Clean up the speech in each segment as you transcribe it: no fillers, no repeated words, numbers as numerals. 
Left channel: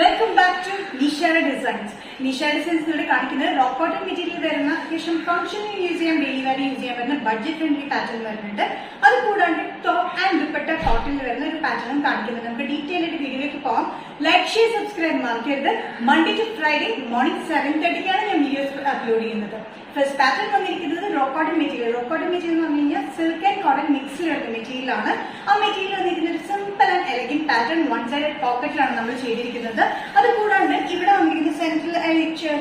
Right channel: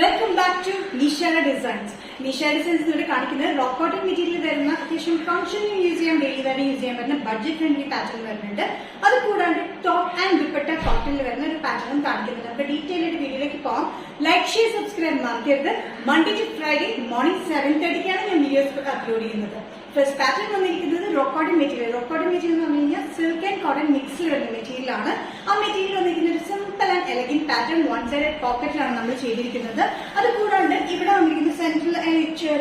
Welcome back to Nishara designs. Nishara designs ഇവിടെ കാണിക്കുന്നത് rock cotton material വരുന്ന അത്യാവശ്യം ഫംഗ്ഷനിൽ യൂസ് ചെയ്യാൻ, ഡെയിലി വെയർ യൂസ് ചെയ്യാൻ വരുന്ന ബഡ്ജറ്റ് ഫ്രണ്ട്ലി പാറ്റേൺ വരുന്നുണ്ട്. അത് കൂടാണ്ട് ടോപ്പ് ആൻഡ് ദുപ്പട്ട കോട്ടണിൽ വരുന്ന ഒരു പാറ്റേൺ കാണിക്കുന്നത്. നമുക്ക് ഡീറ്റെയിൽ ആയിട്ട് വീഡിയോയിലേക്ക് പോകാം. ലൈക്ക്, ഷെയർ, സബ്സ്ക്രൈബ് മറക്കരുത്. മൺഡേ ടു ഫ്രൈഡേ മോർണിംഗ് 7:30 ഞാൻ വീഡിയോസ് അപ്ലോഡ് ചെയ്യുന്നത്. ഫസ്റ്റ് പാറ്റേൺ വന്നിരിക്കുന്നത് rock cotton material. Rock cotton material എന്ന് പറഞ്ഞു കഴിഞ്ഞാൽ സിൽക്ക് ആൻഡ് കോട്ടൺ മിക്സിൽ വരുന്ന മെറ്റീരിയൽ ആണ്. ആ മെറ്റീരിയൽ വന്നിരിക്കുന്നത് simple and elegant pattern, one side പോക്കറ്റിലാണ് നമ്മൾ ചെയ്തിരിക്കുന്നത്. അത് കൂടാണ്ട് ഇവിടെ വന്നിരിക്കുന്ന സെൻട്രൽ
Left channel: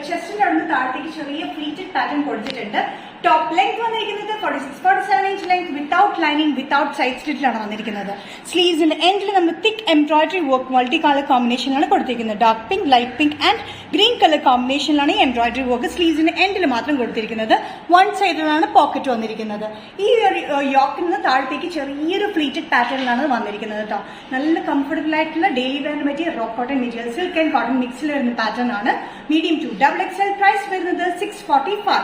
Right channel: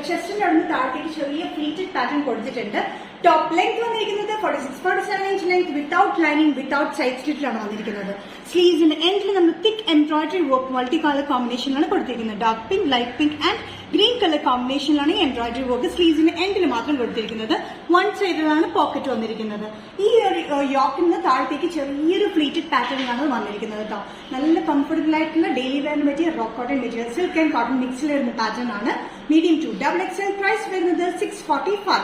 ചെസ്റ്റിന്റെ അവിടെ താഴത്തേക്ക് ചെറിയ ഫ്ലീറ്റഡ് പാറ്റേൺ കൊടുത്തിട്ടുണ്ട്. ടോപ്പ് ലെങ്ത് വന്നിരിക്കുന്നത് 46-47 inch length without lining, without side സ്ലിറ്റിലാണ് വന്നിരിക്കുന്നത്. സ്ലീവ്സിന്റെ എൻഡിൽ നമ്മൾ thick embroidery work multi colour കോമ്പിനേഷനിലാണ് കൊടുത്തിരിക്കുന്നത്. Dark pink, light pink and green colour കോമ്പിനേഷനിലാണ് ഈ എംബ്രോയിഡറി വർക്ക് സ്ലീവ്സിന്റെ എൻഡിൽ മാത്രം കൊടുത്തിരിക്കുന്നത്. വൺ സൈഡിലാണ് പോക്കറ്റ് വന്നിരിക്കുന്നത്. ഈ യോക്കിൽ നിന്ന് താഴത്തേക്ക് ചെറിയൊരു ഫ്ലീറ്റഡ് പാറ്റേണിലാണ് വന്നിരിക്കുന്നത് കേട്ടോ. നല്ല കംഫർട്ടബിൾ ആയിട്ടുള്ള daily wear material, rock cotton material, silk and cotton മിക്സിൽ വരുന്ന പാറ്റേൺ ആണ്. Medium to double XL. Price വരുന്നത് 645.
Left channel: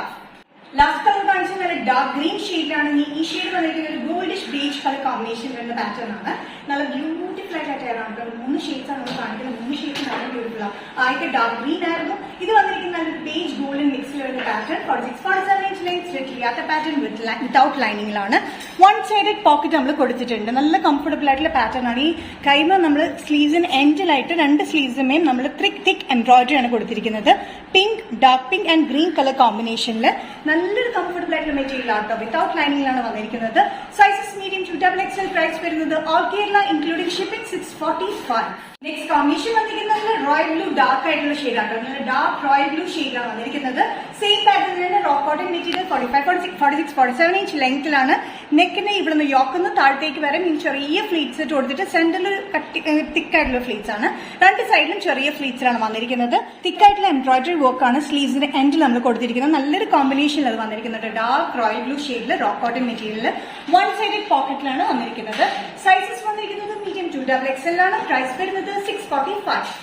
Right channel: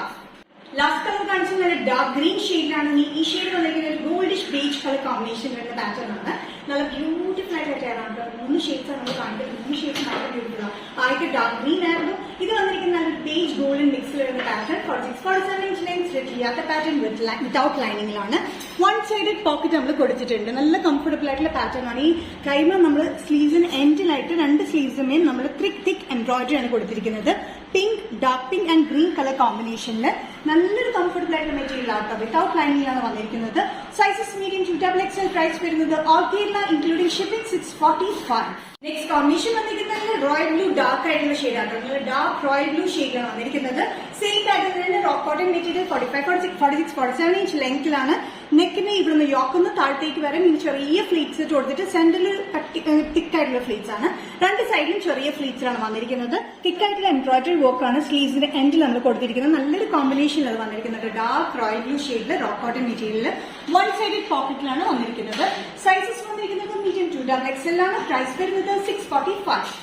ലാസ്റ്റ് നമ്മൾ കാണിച്ച നല്ല ഡാർക്ക് ഗ്രീൻ ഷെയ്ഡിലാണ്. ഈ ഷെയ്ഡ് വന്നിരിക്കുന്നത് ഒരു ഗോൾഡിഷ് ബീച്ച് കളർ കോമ്പിനേഷൻ വരുന്ന പാറ്റേൺ ആണ്. നല്ല ബ്യൂട്ടിഫുൾ ആയിട്ട് ടയറാണ് കേട്ടോ. 3 ഷെയ്ഡ്സ് ആണ് നമ്മൾ കാണിക്കുന്നത്. 3 ഷെയ്ഡ്സ് നല്ല ബ്യൂട്ടിഫുൾ ആണ്. ആദ്യത്തെ ഡാർക്ക് ഗ്രീൻ ആയിരുന്നു. ഇത് വന്നിരിക്കുന്ന ഒരു ബീച്ച് ഗോൾഡൻ മിക്സിൽ വരുന്ന പാറ്റേൺ. 46-47 ഇഞ്ച് ലെങ്ത്, സ്ലിറ്റ് ചെയ്യാത്ത പാറ്റേൺ വിത്തൌട്ട് ലൈനിങ്ങിലാണ്. വൺ സൈഡഡ് പോക്കറ്റ് നമ്മൾ കൊടുത്തിട്ടുണ്ട്. നല്ല കംഫർട്ടബിൾ ആയിട്ടുള്ള പാറ്റേൺ ആണ്. ഈ കൈമ നമ്മൾ സ്ലീവ്സിന് എൻഡിലായിട്ട് 2 സ്ലീവ്സുമേയും നമ്മൾ തിക്ക് എംബ്രോയിഡറി ആണ് കൊടുത്തിരിക്കുന്നത്. Pink, dark pink and green colour കോമ്പിനേഷനിൽ നല്ലൊരു കംഫർട്ടബിൾ ആയിട്ടുള്ള മെറ്റീരിയൽ ആട്ടോ. വിത്തൌട്ട് ലൈനിങ്ങിലാണ് വന്നിരിക്കുന്നത്. Sizes medium to double XL. Price വരുന്നത് all Kerala including shipping 645. Next combination വന്നിരിക്കുന്നത് റോയൽ ബ്ലൂ ഡാർക്ക് ആയിട്ടുള്ള ഷെയ്ഡാണ്. നല്ല ഡാർക്ക് റോയൽ ബ്ലൂ ഷെയ്ഡാണ് വന്നിരിക്കുന്നത്. സെയിം പാറ്റേണിലാണ് റോക്ക് കോട്ടൺ മെറ്റീരിയൽ. 45-47 ഇഞ്ച് ലെങ്ത്തിലാണ്. നെക്കിന് ഇവിടുന്ന് യോക്കുന്ന താഴത്തേക്ക് വരെ ചെറിയ ഫ്ലീറ്റ്സ് ഇട്ട് കൊടുത്തിട്ട് സെന്ററിൽ തിക്കായിട്ടുള്ള ഫ്ലീറ്റ്സ് ആണ്. 2 സൈഡിലും ചെറിയ ഫ്ലീറ്റ്സിലാണ് വന്നിരിക്കുന്നത്. തിക്കായിട്ടുള്ള എംബ്രോയിഡറി വർക്ക് ആണ് സ്ലീവ്സിന്റെ എൻഡിൽ നമ്മൾ കൊടുത്തിരിക്കുന്നത്. നല്ലൊരു കോമ്പിനേഷനിൽ അത് വന്നിരിക്കുന്നത്. ഡാർക്ക് റോയൽ ബ്ലൂ ഷെയ്ഡിൽ rock cotton material one sided പോക്കറ്റിലാണ് വന്നിരിക്കുന്നത്. സൈസസ് വന്നിരിക്കുന്നത് മീഡിയം ടു ഡബിൾ എക്സൽ ആണ്. പ്രൈസ് വരുന്നത് 645.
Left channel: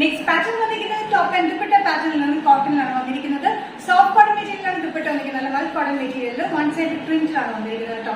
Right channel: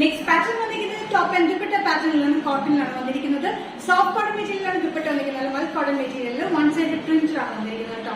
നെക്സ്റ്റ് പാറ്റേൺ വന്നിരിക്കുന്നത് ടോപ്പ് ആൻഡ് ദുപ്പട്ട പാറ്റേണിലാണ്, കോട്ടണിലാണ് വന്നിരിക്കുന്നത്. സോഫ്റ്റ് കോട്ടൺ മെറ്റീരിയലാണ് ദുപ്പട്ട വന്നിരിക്കുന്നത്. നല്ല കോട്ടൺ മെറ്റീരിയൽ വൺ സൈഡ് പ്രിന്റിലാണ് വന്നിരിക്കുന്നത് കേട്ടോ.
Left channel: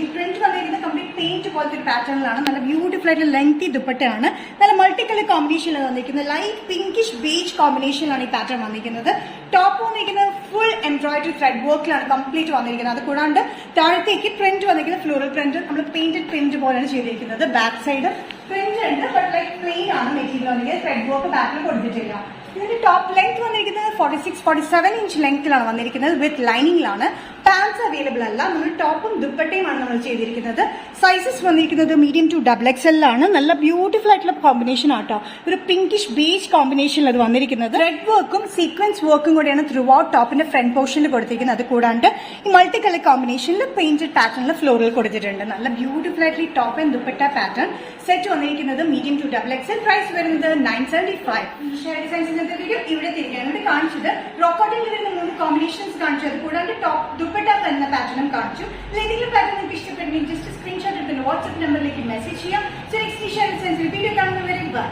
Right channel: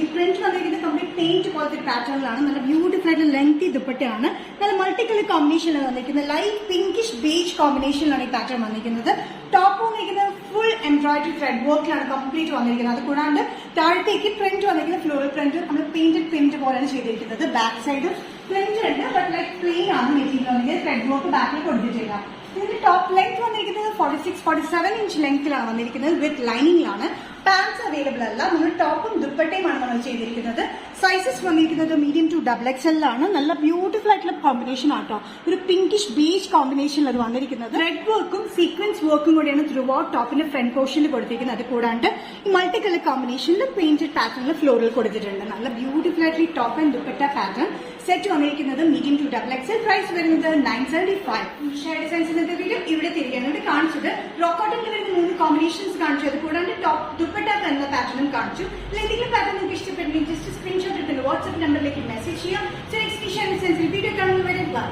ഈ പ്രിന്റ് വന്നിരിക്കുന്നത് കംപ്ലീറ്റ് പെയിന്റ് പോലത്തെ പാറ്റേണിലാണ്. നല്ല ബ്യൂട്ടിഫുൾ ആയിട്ട് ലെങ്തി ദുപ്പട്ടയാണ്. നല്ല മൾട്ടി കളർ കോമ്പിനേഷനിലാണ് വന്നിരിക്കുന്നത്. ലൈറ്റ് പിങ്കിഷ് ബേജ് കോമ്പിനേഷനിലാണ് ഈ പാറ്റേൺ വന്നിരിക്കുന്നത്. ടോപ്പ് വന്നിരിക്കുന്നത് ഫുൾ എംബ്രോയിഡറി ത്രെഡ് വർക്കിലാണ് കംപ്ലീറ്റ് വന്നിരിക്കുന്നത്. അത് കൂടാണ്ട് താഴത്തേക്ക് പ്രിന്റ് വന്നിരിക്കുന്നത് ഫ്ലോറൽ പ്രിന്റ്, നമ്മൾ പെയിന്റഡ് പ്രിന്റ് പോലെയാണ് ചെയ്തിരിക്കുന്നത്. ബാക്ക് സൈഡ് പ്രിന്റ് ഉണ്ട്, ബട്ട് ലൈക്ക് പ്ലെയിൻ ആണ് മെറ്റീരിയൽ വന്നിരിക്കുന്നത്. ത്രെഡ് വർക്ക് ബാക്കിൽ കൊടുത്തിട്ടില്ല. ഇതിന്റെ ടോപ്പ് ലെങ്ത് വന്നിരിക്കുന്നത് 46-47 ഇഞ്ച് ലെങ്ത്തിലാണ് വന്നിരിക്കുന്നത്. വിത്ത് ലൈനിങ്ങിലാണ്. പാൻസ് അവൈലബിൾ അല്ല. നമ്മൾ ടോപ്പും ദുപ്പട്ടയുമാണ് നമ്മൾ ചെയ്തിരിക്കുന്നത്. സൈസസ് വന്നിരിക്കുന്നത് മീഡിയം ടു ഡബിൾ എക്സൽ ആണ്. നല്ല ബ്യൂട്ടിഫുൾ ആയിട്ടുള്ള കോമ്പിനേഷൻ ആട്ടോ. ഒരു പിങ്കിഷ് ബേജ് കോമ്പിനേഷനിൽ അത് വന്നിരിക്കുന്നത്. റെഡ് വർക്കും സീക്വൻസ് വർക്കും കൂടിയാണ് ത്രൂ ഔട്ട് ടോപ്പിന്റെ ഫ്രണ്ട് പോർഷനിൽ കൊടുത്തിരിക്കുന്നത്. അത് കൂടാണ്ട് ഈ മൾട്ടി കളർ കോമ്പിനേഷനിൽ പെയിന്റഡ് പാറ്റേണിൽ ഫ്ലോറിൽ കൊടുത്തിട്ടുണ്ട്. നല്ല ബ്യൂട്ടിഫുൾ ആയിട്ട് top and dupatta pattern set വന്നിരിക്കുന്നത് medium to double XL. Price വരുന്നത് 975. വീഡിയോ ഇവിടെ തിരികെ കാണിച്ചത് റോക്ക് കോട്ടണിൽ വരുന്ന 3 കോമ്പിനേഷൻസ് കാണിച്ചു. അത് കൂടാണ്ട് ടോപ്പ് ദുപ്പട്ട എന്ന പാറ്റേണും കാണിച്ചു. എന്തെങ്കിലും പാറ്റേൺ നിങ്ങൾക്ക് ഇഷ്ടപ്പെടുമെങ്കിൽ ജസ്റ്റ് സ്ക്രീൻഷോട്ട് എടുത്ത് വാട്സ്ആപ്പ് നമ്പറിലേക്ക് മെസ്സേജ് ചെയ്യാം. നെക്സ്റ്റ് വീഡിയോ കാണുന്നവരെ ബൈ.